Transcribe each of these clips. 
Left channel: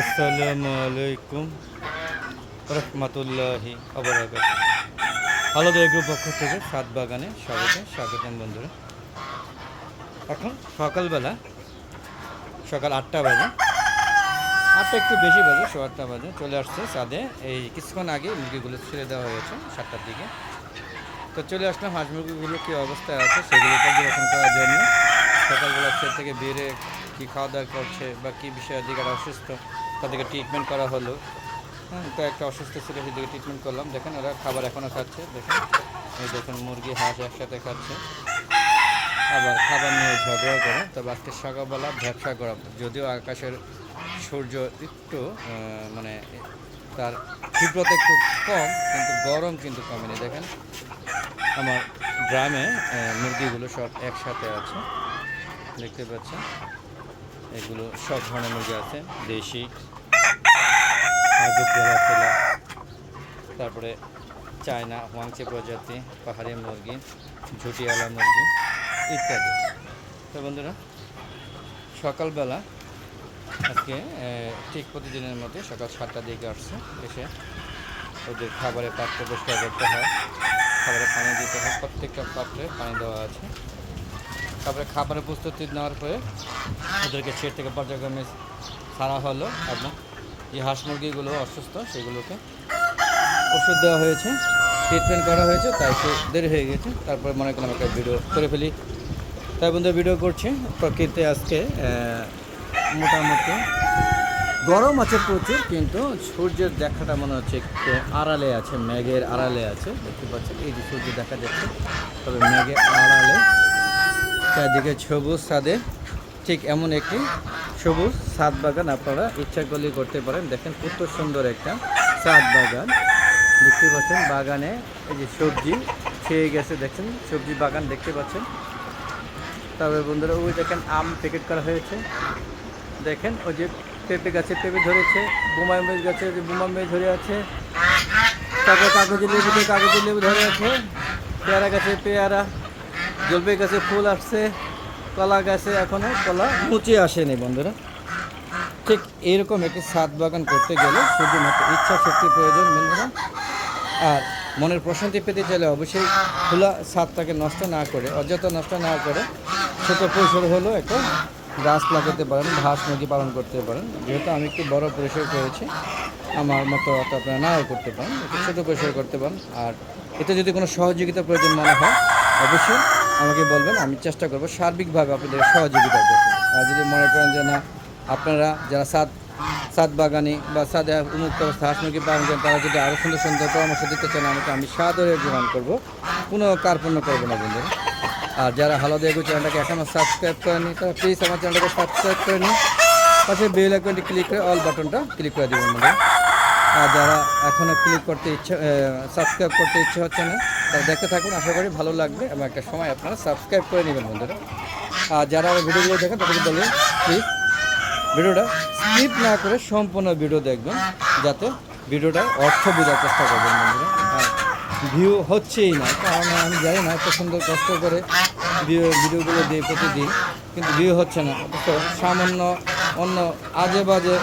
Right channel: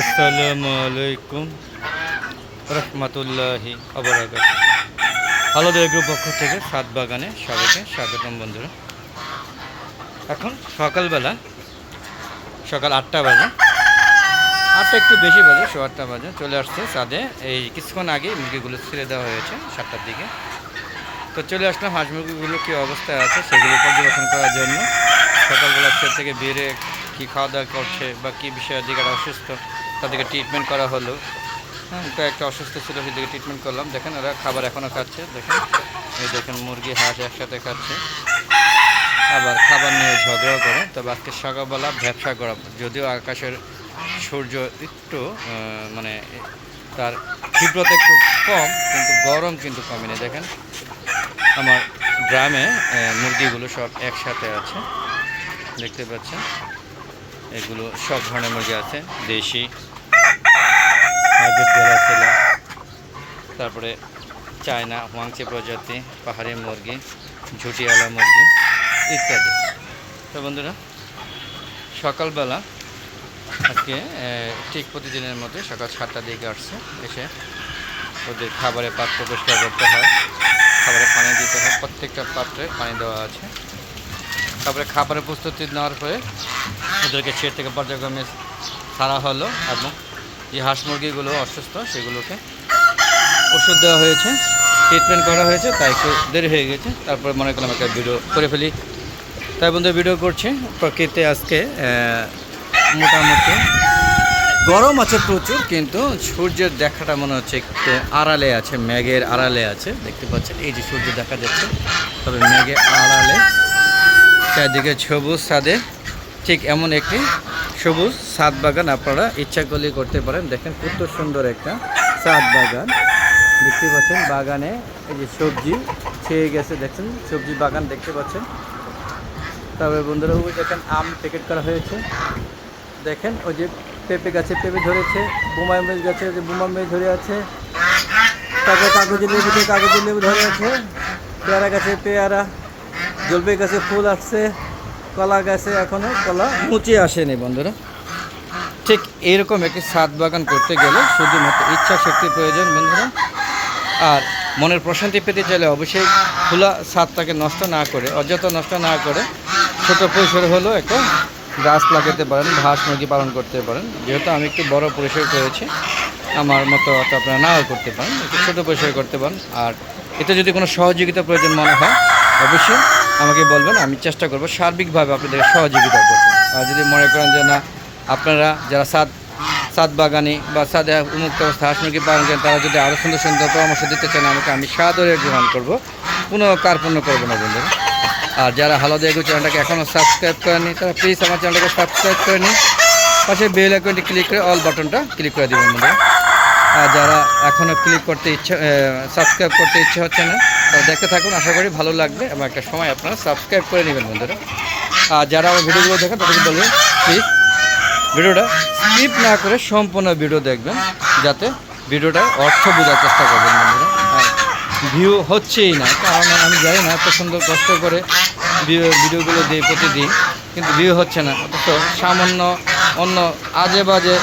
আসসালামু আলাইকুম রহমতুল্লাহি আবরাকাত আলাদা এগ্রো পক্ষ থেকে সাত বাগানে সবাইকে স্বাগতম বন্ধুরা। এখন সকালবেলা, সকাল আটটা বাজে। আটটা একটু বেশি বাজে শো আটটা বাজে। চলে আসছে সাদে এই কিছুক্ষণ আগে মুরগিগুলো ছেড়ে দেওয়া হয়েছে সাতটার দিকে। তো চলে আসলাম, হাঁস মুরগিগুলো কী অবস্থায় আছে সেগুলো পর্যবেক্ষণ করার জন্য। সকালবেলা সে থেকে বেরে কী খাওয়া দাওয়া করছে বা কী বিষয়ে দিকে অসুস্থ তাদেরকে ট্রিটমেন্ট করা হলো। হ্যাঁ একটা অসুস্থ ছিল, সেদিকে ট্রিটমেন্ট করলাম। দেখেন, ওরা খাবার এখনও খাচ্ছে, দেখেন। এই দেখেন, মুরগি, হাঁস একসাথে খাচ্ছে। আবার খাবার নিয়ে ঝগড়াও করে। তবে আজকে সকালবেলা ব্যবসা করা যদিও আকাশের সূর্য একটু মানে তার তীব্রতা একটু কম, কিন্তু গরম কিন্তু কমেনি। দেখেন, আমার গ্রামে মুরগিগুলো সব একসাথে আছে। দেখতে পাচ্ছেন? এগুলো সব ধরনের মুরগি আছে। দেশি হাইব্রিড গলা ছেলা। তারপরে চায়না ওয়াংচে প্রজাতি, পাহাড়ি মুরগি ঝুটিয়ালা মুরগি ইত্যাদি। তো বন্ধুরা, সকালবেলা আজকে ঠিক প্রতিদিনের মতো সকাল সাতটার দিকে আসছে। এসে ওদের খাবারের পাত্র পরিষ্কার করতে হয়। খাবারে পানি দিতে হয়। প্রত্যেকটা পাত্রে পানি দেওয়া আছে। তারপরে খাবারের প্রস্তুতি নেওয়ার পরে ওদেরকে ছেড় থেকে পর্যায়ক্রমে ছাড়া হলো এবং যে হাঁস মুরগিগুলো অসুস্থ, সেগুলোকে ওষুধ দেওয়া হয়েছে ট্রিটমেন্ট করা হয়েছে, তাই একটু দেরি হয়ে গেছে। তারপরে মনে করলাম একটা ভিডিও করে ফেলি। তাই বন্ধু ভিডিও করছি। প্রকৃতি আজকে মোটামুটি গরম আছে প্রচুর, কিন্তু সূর্যের দেখাটা মনে হচ্ছে একটু আড়ালে আছে, মেঘের আড়ালে আছে। দেখতে পাচ্ছেন, এই যে সূর্য দেখা যাচ্ছে, তবে মেঘের আড়ালে। চারদিকে সবুজ সাদে ঠিক এমন একটি সবুজ সাদ বাগান আপনারা ইচ্ছা করলে করতে পারেন। দেখেন কত সুন্দর একটা সাদ বাগান। দেখতে পাচ্ছেন বাগানে এই যে সবজি ছেয়ে গেছে, দেখছেন? সবজি বাগান দেখতে পাচ্ছেন। তারপরে বন্ধুরা, ওই দেখেন আম প্যাকেট করা হয়েছে। দেখেন, ওই যে পেঁপে গাছে পেঁপে ধরেছে বোমাই মেজ গাছে ওই যে বোমা মেজ ধরে আছে, তারপরে কাগজি লেবুতে কাগজি লেবু ধরে আছে, পেয়ারা গাছে পেয়ারা, জলপাই গাছে ফুল আসছে। কলা গাছে এখনও কলা মুচে আসেনি, বন্ধুরা। ঠিক এইরকম একটি ছাদ বাগান করতে গেলে শুধুমাত্র ইচ্ছা শক্তির প্রয়োজন, বন্ধুরা। আর মনের প্রশান্তি পেতে চাইলে অবশ্যই খোলা ছাদটাকে নষ্ট না করে, অযথা নষ্ট না করে ছোট পরিসর হলেও একটা গাছ লাগাতে পারেন, ঘাস মুরগি পালন করতে পারেন। যেহেতু আমি একটু বড় পরিসর করেছি আমার মতো অত আপনারা নাও করতে পারেন, একটু ছোটো পরিসর করতে পারেন। আর এতে যদি কোনো সহযোগিতা প্রয়োজন মনে হয়, অবশ্যই আমাকে বলবেন, আমি চেষ্টা করব সার্বিকভাবে আপনাদের সহযোগিতা করতে। আর যদি মনে করেন যে না, আপনারা যারা সাত সাত বাগানি বা সাদে উন্মুক্ত অবস্থা হাঁস মুরগি পালন করেন, তারা যদি আরও সুন্দর সুন্দর পরামর্শ দিতে চান, আমাকে আমি সাদরে গ্রহণ করব। কোনো কার্পণ্য করব না বন্ধুরা। আর যারা হালাদা এগো চ্যানেলটাকে এখনও সাবস্ক্রাইব করেনি তারা প্লিজ আমার চ্যানেলটাকে সাবস্ক্রাইব করে নিন। পাশে বেল আইকনটি ক্লিক করে অল বাটনটা ক্লিক করে দেবেন বন্ধুরা। আর যারা এখনও ক্লিক করতে ইচ্ছা সাবস্ক্রাইব করতে ইচ্ছে হচ্ছে না তারা দেখতে থাকুন, আশা করি ভালো লাগবে এবং একটা সময় আপনারা সাবস্ক্রাইব করে নেবেন বন্ধুরা। আর যারা আমার ভিডিওগুলো দেখেন, তাদেরকে বলবেন প্লিজ ভিডিওটা স্কিপ না করে সম্পূর্ণ ভিডিও দেখবেন, যাতে ভিডিওটা অর্থ বোঝার চেষ্টা করবেন বন্ধুরা। আর ভিউ হচ্ছেই না, কারণ আমি জানি না এত সুন্দর কষ্ট করে ভিডিও- ভিডিওগুলো দিই প্রতিদিন, কিন্তু ভিউ হচ্ছে না। অথচ সামান্য অন্য আজে বাজে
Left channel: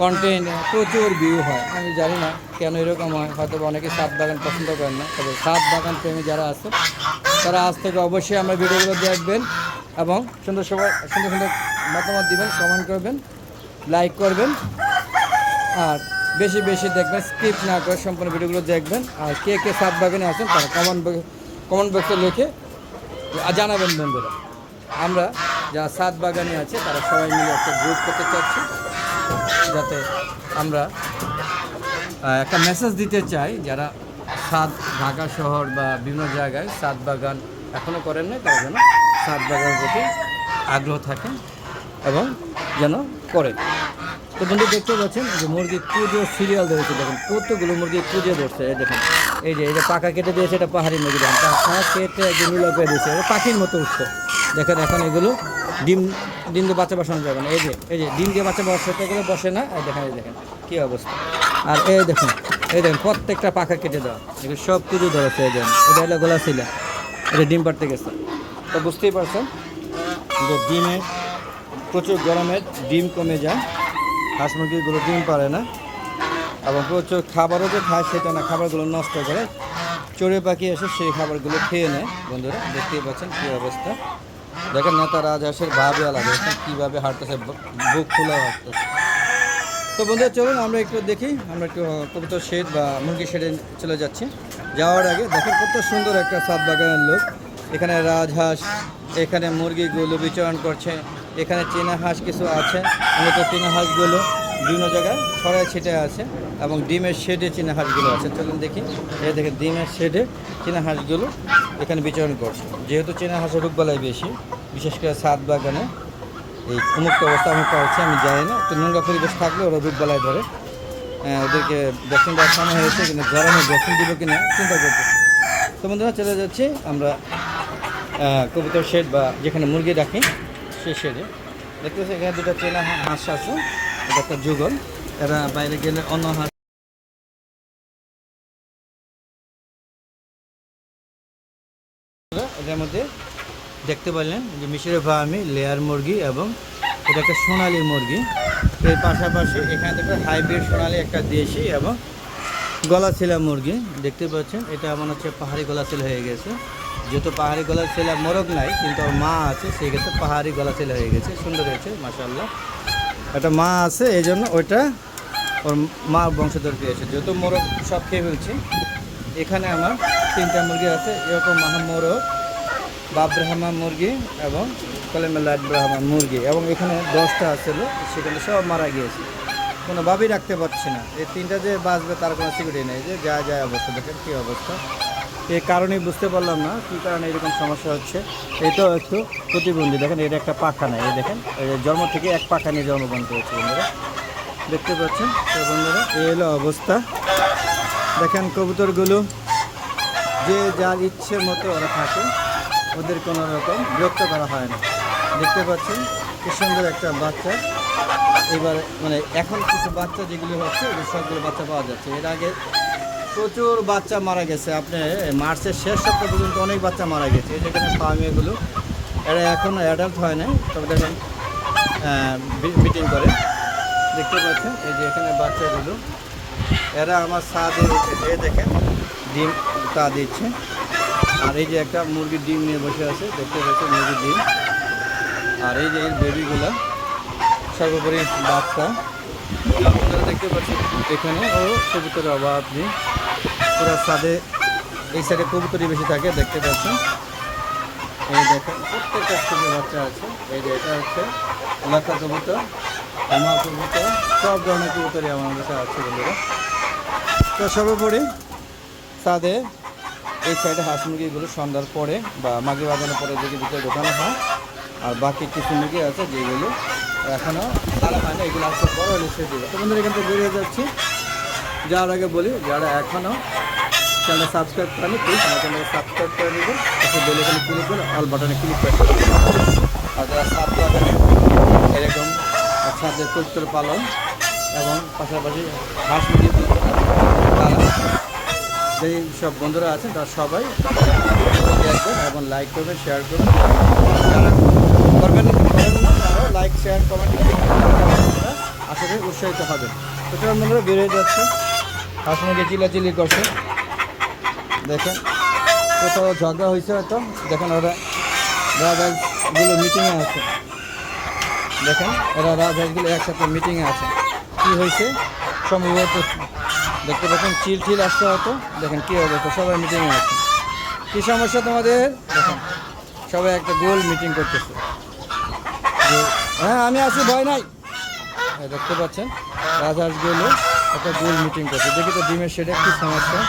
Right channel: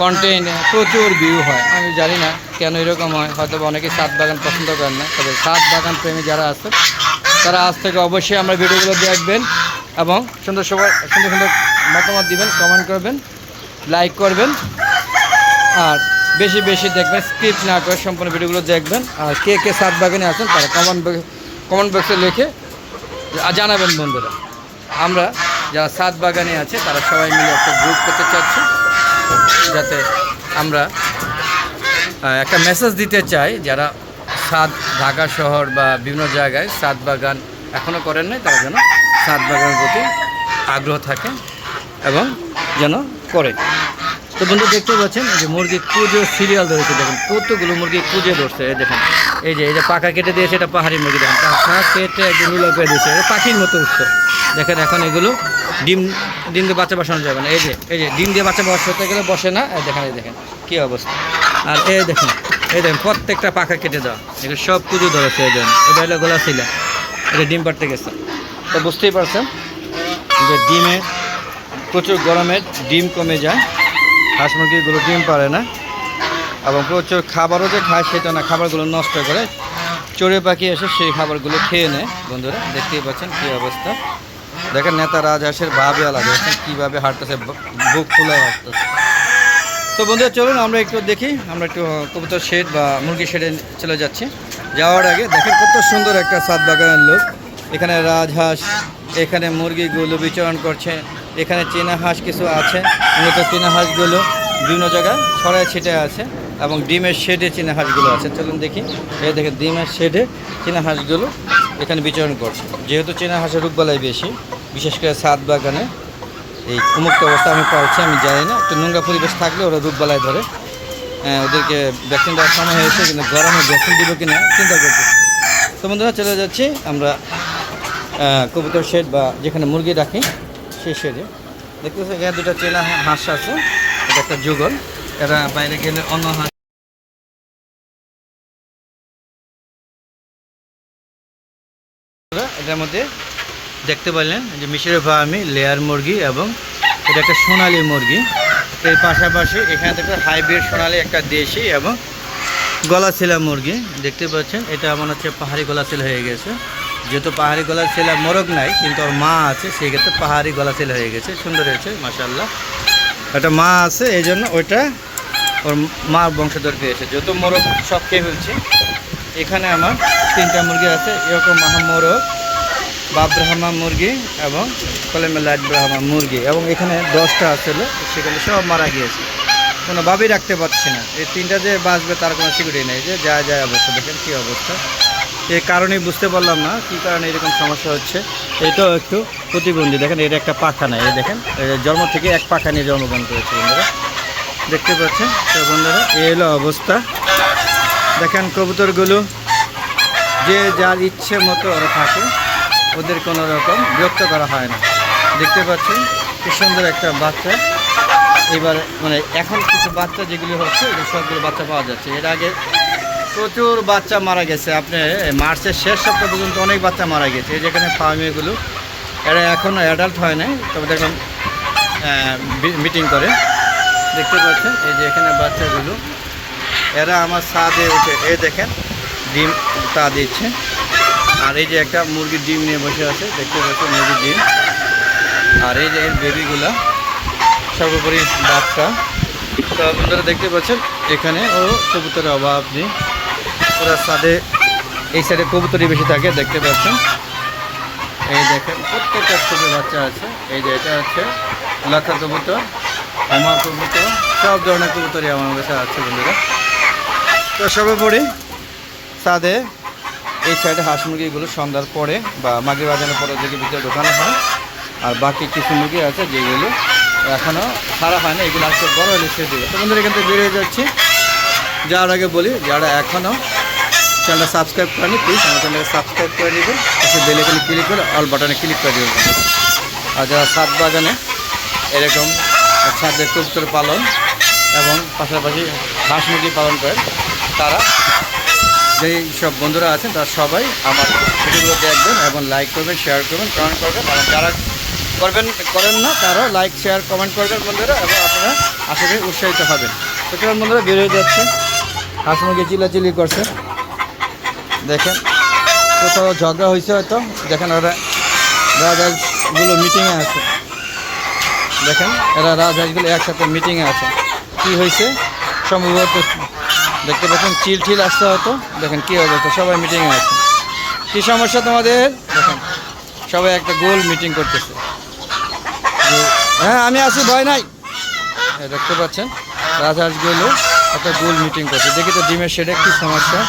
কন্টেন্ট প্রচুর ভিউ হয়। আমি জানি না কেন এরকম হয় হয়তো বা অনেকেই সাত বাগান পছন্দ করেন না, তবে সাত বাগান প্রেমী যারা আছে, তারা আজ থেকে অবশ্যই আমরা ভিডিওগুলো দেখবেন এবং সুন্দর সবাই সুন্দর সুন্দর মতামত দিবেন কমেন্ট করবেন লাইক করবেন, আর বেশি বেশি দেখবেন স্ক্রিপ্ট না করে সম্পূর্ণ ভিডিওগুলো দেখবেন, আর কে কে সাত বাগানে আছেন তারা কমেন্ট কমেন্ট বক্সে লিখে জানাবেন বন্ধুরা। আমরা যারা সাত বাগানে আছে, তারা সবাই মিলে একটা গ্রুপ করতে চাচ্ছি। যাতে আমরা একটা মেসেজ দিতে চাই যারা সাত ঢাকা শহর বা বিভিন্ন জায়গায় সাত বাগান এখনও করেন নাই, তারা যেন সাত বাগানের প্রতি আগ্রহ থাকে এবং যেন করে। তো বন্ধু দেখতে পাচ্ছেন যে মুরগি কুজো সিরিয়াল ধরেছে, দেখেন কতগুলো মুরগি কুজে ধরছে দেখেন। এই যে এই যে পাকা কেটে দিয়েছে, এটা পাহাড়ি মুরগি, দেখেন। কেটে একদম করে দিয়েছে পাখির মতো উঠছে। দেখেন এখন এগুলো ডিম ডিম দিয়ে বাচ্চা বসানো যাবে না। এই যে এই যে, ডিম দিয়ে বাচ্চা বসাতে গেলে বসে না? দেখেন, এই দেখেন, কী অবস্থা। আর এই দেখেন এই দেখেন, প্রত্যেকটা পাখা কেটে দেওয়া। এগুলো সব কুজো ধরেছে এই দেখেন। এটা হলো গোলা ছিলা। এটা ডিম পাড়তে গেছে। তো বুঝতেই পারছেন যে ডিমের, প্রচুর গরমে ডিম কমে যায়। হাঁস মুরগিগুলো ডিম পারে না। এবং প্রচুর খাবারও যে খায় সেটা না, খাবারগুলো নষ্ট করে। চড়ে পাখি এসে সেই খাবারগুলো খেয়ে নেয়। বন্ধুরা, দেখতেই পাচ্ছেন কী অবস্থা। দেখেন নেতা রাজহাঁসের ভাবে আলাদা দেখেন কীভাবে হাঁটতেছে বুক ফুলায় হাঁটতেছে। তো বন্ধুরা, চলুন আমরা একটু দেখি, আমরা একটু কবুতর শেড বা মুরগি শেডে চলে যাচ্ছি। যাওয়ার আগে দেখেন কত সুন্দর একটা সাত বাগানের লোক। এখানে রাজহাঁস, এখানে মুরগিগুলো বিচরণ করছে, এখানে চীনা হাঁস কিছু আছে, মূলত চীনা হাঁসগুলো বিভিন্ন জায়গায় ছড়ায় ছিটে আছে এবং ডিমের শেডে চীনা হাঁসগুলো আছে। চলুন দেখি, এই দেখেন ডিমের শেডে চীনা হাঁসগুলো এখানে বিচরণ করছে। যেহেতু চীনা হাঁসের রোগবালাই বেশি বিশেষ করে সাত বাগানে এই উন্মুক্ত অবস্থা আমি পাচ্ছি আমি জানি না। একটু নোংরা পরিবেশ থাকলে ওরা রোগবালায় ধরে। হ্যাঁ, ওদেরকে ভ্যাকসিন দেওয়ার সময় হয়েছে কিন্তু গরমে ভ্যাকসিন দিব কিনা চিন্তা করতে তো বন্ধুরা চলে যাচ্ছি আমরা কবুতর শেড বা যেখানে মুরগি রাখি সেই শেডে। দেখতেছি এখানে দুটা চেনা হাঁস আছে এটা একটা যুগল। এরা বাইরে গেলে অন্য হাঁস এটার মধ্যে দেখতে পারলেন যে মিশরের ফার্মি, লেয়ার মুরগি এবং এটা একটা সোনালি মুরগি। এর পাশাপাশি এখানে থেকে হাইব্রিড সোনালি একটা দেশি এবং গলাছিলা মুরগি। দেখতে পাচ্ছেন, এটা মনে হচ্ছে পাহাড়ি গলাছিল হয়ে গেছে। যেহেতু পাহাড়ি গলাছিলা মোরগ নাই, কিন্তু ওর মা আছে সেক্ষেত্রে পাহাড়ি গলাছিল হয়ে গেছে। সুন্দর হয়েছে মাসাল্লাহ একটা মা আছে, এই জন্য ওইটা ওর মা বংশধর পেয়েছে যেহেতু মোরগ সব খেয়ে ফেলছি, এখানে আমার তিনটা মুরগি আছে, এরকম মাহা মোরগ। বাব্রাহ্মা মুরগি এবং কলেমেলাইট ব্রাহ্মা মুরগি এবং এখানে দশটা আছিল সেখানে সব মারা গিয়েছে। কোনো কোনোভাবেই রাখতে পারছি না। এই তিনটা যে বাঁচবে তার কোনো সিকিউরিটি নেই। যে যা যায় অবস্থা, দেখেন কী অবস্থা। এই কারণেই বুঝতে পারলাম না কী কারণে এরকম সমস্যা হচ্ছে। এটাও একটু প্রতিবন্ধী। দেখেন এটা একটা পাখা নেই। দেখেন জন্ম থেকে এক পাখা নিয়ে জন্মগ্রহণ করেছে বন্ধুরা। দেখতে পাচ্ছেন? তো বন্ধুরা, এই হলো অবস্থা। দেখেন কবুতরগুলো, যে যার ইচ্ছে মতো ওরা থাকে। ওদের কোনো রকম বিরক্ত করা হয় না। দেখতে পাচ্ছেন কি সুন্দর একটা বাচ্চা। এবার মানে এখন কিছু বাচ্চা যেগুলি হচ্ছে সবগুলো বাচ্চা পাওয়া যাচ্ছে। এর আগে প্রচুর বাচ্চা মারা গেছে। আপনি মার্চের শেষ সপ্তাহ পর্যন্ত অনেক বাচ্চা মারা গেছে। যেখানে ফার্মিগুলো এরা এখনও অ্যাডাল্ট হয় নাই। তবে দেখলাম মিটিং করে। দেখতে পাচ্ছেন, এই যে এখানে বাচ্চাগুলো। এরা আমার ছাদে উঠে এই দেখেন, ডিম তা দিচ্ছে। আর এই যে একটা মুরগির ডিম নিয়ে বসে আছে, দেখতে পাচ্ছেন মুরগির ডিম। আর এই যে এর বেবিগুলো সর্বোপরি বাচ্চা। আপনারা দেখতে পাচ্ছেন, এখানে ও কবুতরের অভাব নেই। পুরা ছাদে, এই সাইডে কবুতরই বেশি থাকে, দেখতে পাচ্ছেন। এই দেখেন, প্রত্যেকটা ছোটো বাচ্চা আছে। এই যে এটা হচ্ছে লাখা কবুতর, হোমা কবুতর, সব ধরনের কবুতরই আমার কাছে আছে বন্ধুরা। তো সর্বোপরি ছাদে এই সাইডে হাঁস মুরগিগুলো সন্ধ্যার পরে বা মাগরি বাজানোর পরে দিকে ভিতরে ঢোকানো হয়। আর বাকি কিছু মুরগি আছে যেগুলো এখনও সারা হয় না, এগুলো আজকে বড় হলে ছেড়ে দেবে। তো বন্ধুরা, এখান থেকে বেরিয়ে যাচ্ছি। যাওয়ার আগে বলি, যারা এখনও চ্যানেলটা সাবস্ক্রাইব করেনি প্লিজ আমার চ্যানেলকে সাবস্ক্রাইব করে নেবেন পাশে বেল এখানে ক্লিক করে অল বাটনে ক্লিক করে দেবেন আর যারা সাত বাগানে এরকম ছাদের কবুতর পালন এবং পাশাপাশি হাঁস মুরগি পালন করে, তারা যেই সব বন্ধুরা আছেন, তারা সবাই আমার ভিডিওগুলো দেখবেন এবং লাইক করবেন শেয়ার করবেন কমেন্ট করবেন। যারা করবেন, করেন না, তারাও লাইক শেয়ার কমেন্ট করবেন বন্ধুরা, এবং আপনারা আশা করি উৎসাহিত হবেন। তো কেমন বন্ধুরা বেরিয়ে যাচ্ছে। হাঁস মুরগি চিলাচিলি করছে। দেখেন, কোথাও ঝগড়া হয়েছে হয়তো। দেখেন ওরা রাজহাঁসগুলো মিটিংয়ে আছে। দেখেন, এরা রাজহাঁসগুলো একসাথে মিটিংয়ে আছে। কি হয়েছে? সম্ভবত দেখতে পাচ্ছেন, চিল ঠিল আসতে হতো। দেখেন কী অবস্থা, সবাই মিটিংয়ে আছে। কী সমস্যা তোমাদের? দেখেন, সবাই একটা গোল মিটিং করতেছে। হ্যাঁ আমি আছি, ভয় নাই। এই দেখতে পাচ্ছেন রাজহাঁসগুলো একটা গোল মিটিং করছে। দেখি তো ডিমের সেটা কী সমস্যা।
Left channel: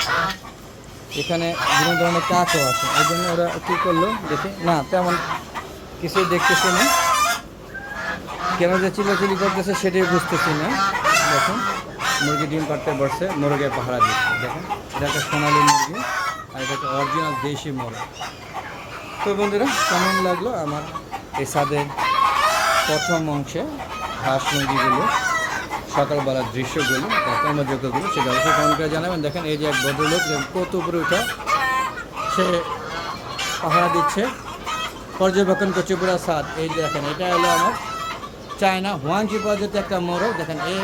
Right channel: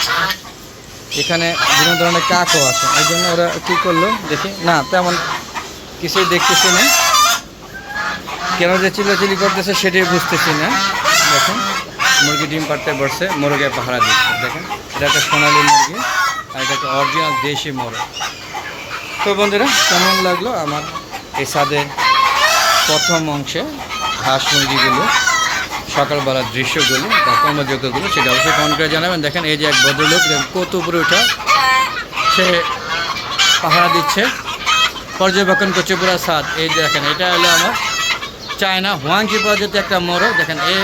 এখানে বিভিন্ন ধরনের কাকও আছে। এই জন্য ওরা কী করল, দেখি। না, তেমন কিছুই দেখতেছি না। কেন যে চিল্লাচিল্লি করতেছে সেটাই বুঝতেছি না। দেখেন। মুরগি ডিম পাড়তে বসছে মুরগে পাহারা দিচ্ছে, দেখেন। এটা একটা সোনালি মুরগি, আর এটা একটা অরিজিনাল দেশি মোরগ। তো বন্ধুরা, কেমন লাগল আমার এই ছাদের প্রথম অংশে হাঁস মুরগিগুলো, সকালবেলার দৃশ্যগুলো বা কর্মযোগ্যগুলো সেটা অবশ্যই কমেন্ট করে জানাবেন। দেখেন, এই যে এক ভদ্রলোক কত উপরে ওঠা সে পাহারা দিচ্ছে। পর্যবেক্ষণ করছে পুরো ছাদ। এই দেখেন, এটা হলো আমার চায়না হুয়াংচি প্রজাতি একটা মোরগ। দেখেন, এ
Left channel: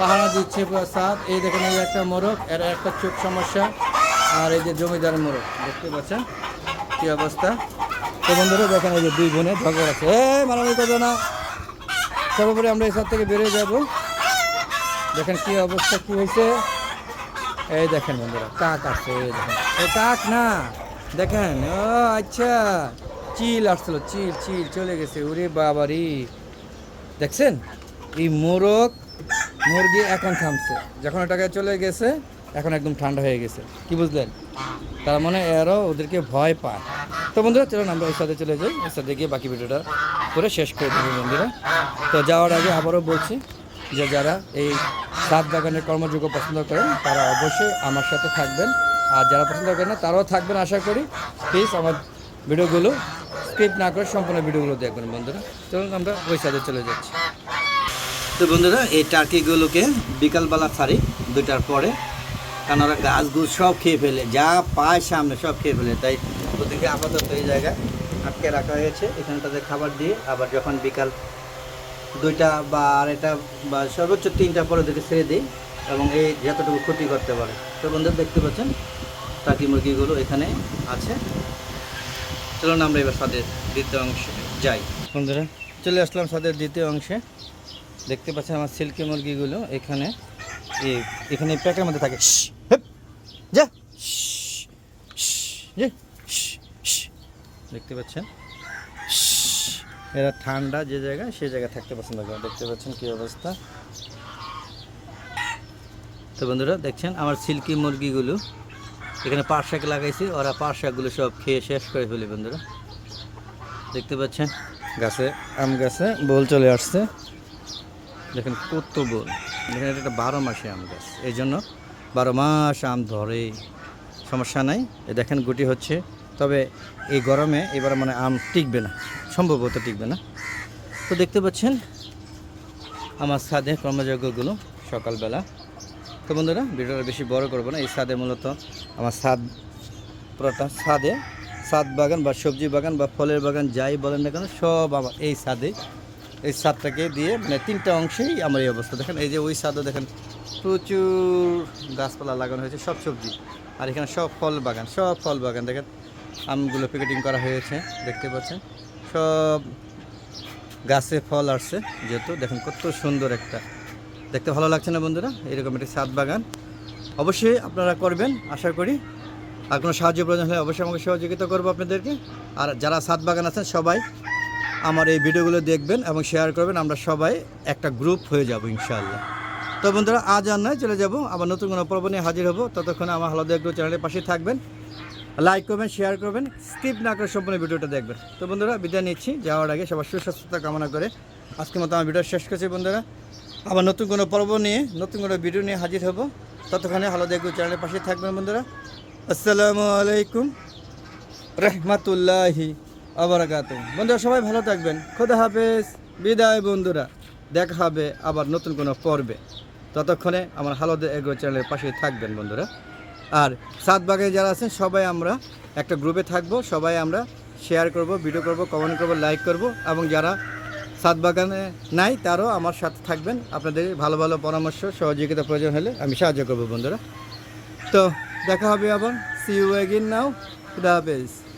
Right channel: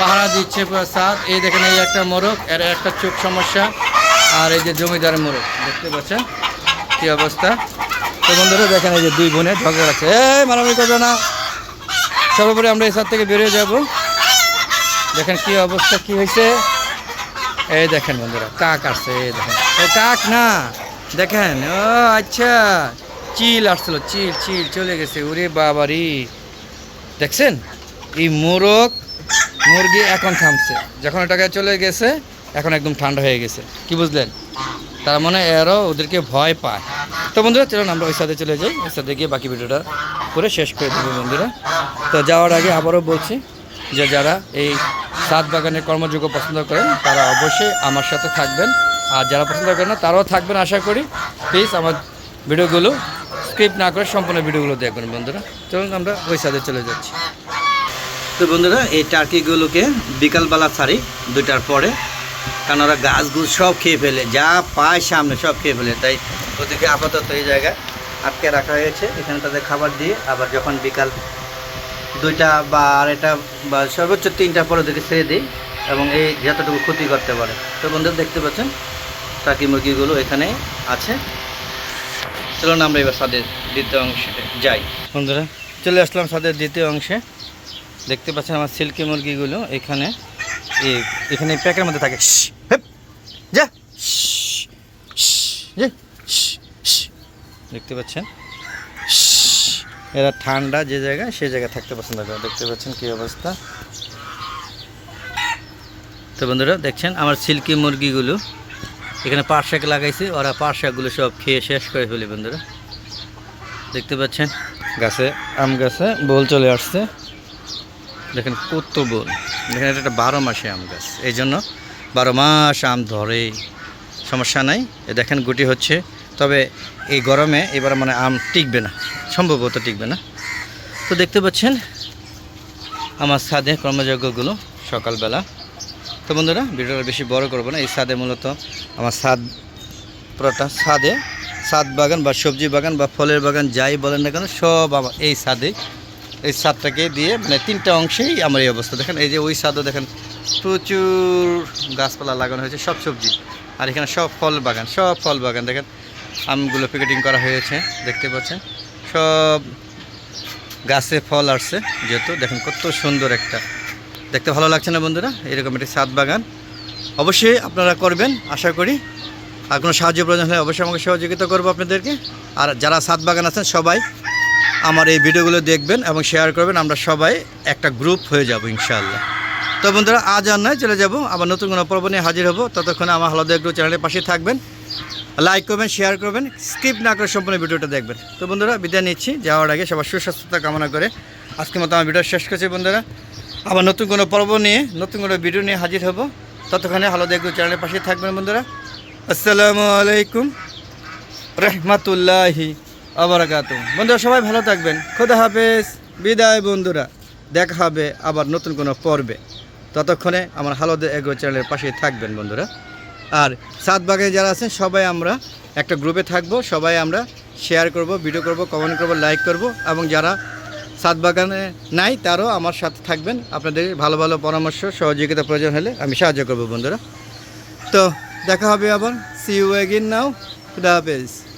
পাহারা দিচ্ছে সাপ এই দেখেন এই একটা মোরগ, এর একটা চোখ সমস্যা, আর এই যে জমিদার মোরগ, দেখতে পাচ্ছেন কি অবস্থা? তো বন্ধুরা, দেখেন এই যে দুই বোনে ঝগড়া লাগছে। এই মারামারি করবে না। সর্বোপরি আমরা এই সার থেকে বেরিয়ে যাব। দেখেন কি অবস্থা, কি হয়েছে? এই দেখেন বন্ধুরা, কাক আসছে, এই দেখেন। ও কাক না, দেখেন, ও আচ্ছা চিল আসছিল, চিল চিল, চলে গেছে। ওরে বাবারি, দেখছেন? এই মোরগ মুরগি এখন থামছে। যখন এটাকে চলে গেছে, এখন একদম ঠান্ডা হয়ে গেছে। কি বুঝলেন? তার মানে এরও ওদেরকে ভয় পায়। তো বন্ধুরা, চলুন আমরা ওই সাথে চলে যাই। ওই সাথে গিয়ে বাকি ভিডিওটা করে শেষ করে দেবো বন্ধুরা। তো যাওয়ার আগে আবারও বলছি যে যারা এই সাত বাগানের কর্মযোগ্য পছন্দ করেন, তারা অবশ্যই আমার সাথে থাকবেন। আর যারা পছন্দ করেন না, তারাও থাকবেন আশা করি। প্লিজ আমার ভিডিওগুলো স্কিপ না করে সম্পূর্ণ ভিডিওগুলো দেখবেন বন্ধুরা। চলুন আমরা ওই সাথে চলে যাচ্ছি। তো বন্ধুরা, এই টার্কিগুলোকে বিকালবেলা ছাড়ি, দুইটার পরে। কারণ ওরা গাছগুছ সব খেয়ে ফেলে, যা পায় সামনে সব খেয়ে ফেলে। তাই ওদেরকে আপাতত এই জায়গায় আটকে রাখা হয়েছে। এখানে তাদের খাবার দিয়ে আবার যখন বিকাল দুইটা বা আড়াইটা বা সর্বোচ্চ তিনটা পরে ওদেরকে ছেড়ে দিই এবং এই যতটুকু ক্ষতি করতে পারে। তো বন্ধুরা, দেখতে পাচ্ছেন, টার্কি মুরগিগুলো এখানে আছে। চলুন আমরা এবার স্বাদের দ্বিতীয় অংশে যাই। বন্ধুরা, চলে আসলাম স্বাদের দ্বিতীয় অংশে। দেখতে পাচ্ছেন আমার সিল্কি মুরগিগুলো এখানে। এখানে প্যাকের মধ্যে থাকে। যা। দেখতে পাচ্ছেন? এরা ঠান্ডা যে জায়গায়, সেই জায়গায় থাকতে পছন্দ করে। দেখতে পাচ্ছেন কি অবস্থা? তো বন্ধুরা, দেখছেন আমার সিল্কি মুরগিগুলো এখানে পাট শাক লাগাইছি। ওরা পাট শাকগুলো সব খেয়ে শেষ করে ফেলি বন্ধুরা। দেখতে পাচ্ছেন? গাছে, আম গাছে, বোল চলে আসছে। দেখেন কত বোল দেখেন এটা একটা বারো মাসে আম গাছ। এই জন্য বারো মাস আম ধরে, সমস্যা নাই। দেখেন গুটি হচ্ছে। তবে এই গরমে এবার মানে আম টিকবে না, সম্ভবত টিকবে না। তো দেখতে পাচ্ছেন আমার ছাদে কর্মযজ্ঞগুলো সকালবেলা। তো বন্ধুরা, ভিডিওটা বেশি বড় করব না। এই ছাদে মূলত আমার ছাদ পুরোটা ছাদে ছাদ বাগান বা সবজি বাগান বা ফলের বাগান যাই বলেন না কেন, সব আমার এই ছাদে এই ছাদটাকে দিয়ে মানে তিনটা অংশেই আমার এই অবস্থা। দেখেন, এই যে ওই ছাদও দেখেন, প্রচুর গাছপালা লাগানো হয়েছে, সব সবজি। আর এখানে সব ফল বাগান, সব ফল বাগান। দেখেন, আমগুলো প্যাকেটিং করা হয়েছে, দেখতে পাচ্ছেন? সব গাছে ফল আসছে, যেহেতু দেখেন কত সুন্দর একটা। দেখতে ভালো লাগছে না বন্ধুরা? এরকম একটি ছাদ বাগান। অবশ্যই আপনারা করবেন, আশা করি। আর কোনো সাহায্য প্রয়োজন হলে অবশ্যই আমাকে সহযোগিতা করব আপনাদেরকে। আর যারা ছাদ বাগান আছেন, সবাই আমার এই ভিডিওগুলো দেখবেন এবং শেয়ার করবেন, আমরা সবাই একটা গ্রুপ হয়ে যাব ইনশাআল্লাহ। তো বন্ধুরা, আজ আর নয়, চলে যাব। আবার নতুন কোনো পর্ব নিয়ে হাজির হব। ততক্ষণে আমার হলদে এগ্রো চ্যানেলের পাশে থাকবেন। লাইক করবেন শেয়ার করবেন স্কিপ না করে সম্পূর্ণ ভিডিওটা দেখবেন। তো বন্ধুরা, বিদায় নিচ্ছি। যাওয়ার আগে সবার সুস্বাস্থ্যতা কামনা করে আজকের মতো আমার ভিডিও শেষ করছি বন্ধুরা। আবার নতুন কোনো পর্ব নিয়ে, নতুন কোনো ভিডিও নিয়ে হাজির হব। ততক্ষণে হলদে এগ্রো চ্যানেলের পাশে থাকবেন বন্ধুরা। আসসালামু আলাইকুম। রহমাতুল্লাহি। আবরাকাত বন্ধুরা, সবাই ভালো থাকবেন। খোদা হাফেজ। বিদায়, বন্ধুরা। দেখা হবে আবার নতুন কোনো পর্বে। ততক্ষণে আমার হালদে এগো চ্যানেলের পাশে থাকবেন, বন্ধুরা। আর সাত বাগে যারা আছেন, সবাই আমরা একটা গ্রুপে থাকব। সবাই আমরা শেয়ার করব, ভিডিও করব, কমেন্ট করব, লাইক করব। এবং যারা সাত বাগানে নাই, তারও আমার সাথে থাকবেন। আপনাদের ভালো ভালো পরামর্শ, সহযোগিতা প্রয়োজন হলে আমি সাহায্য করব, বন্ধুরা। তো দেখা হবে আবার। সি ইউ এগিন নাও খুদা হাফেজ।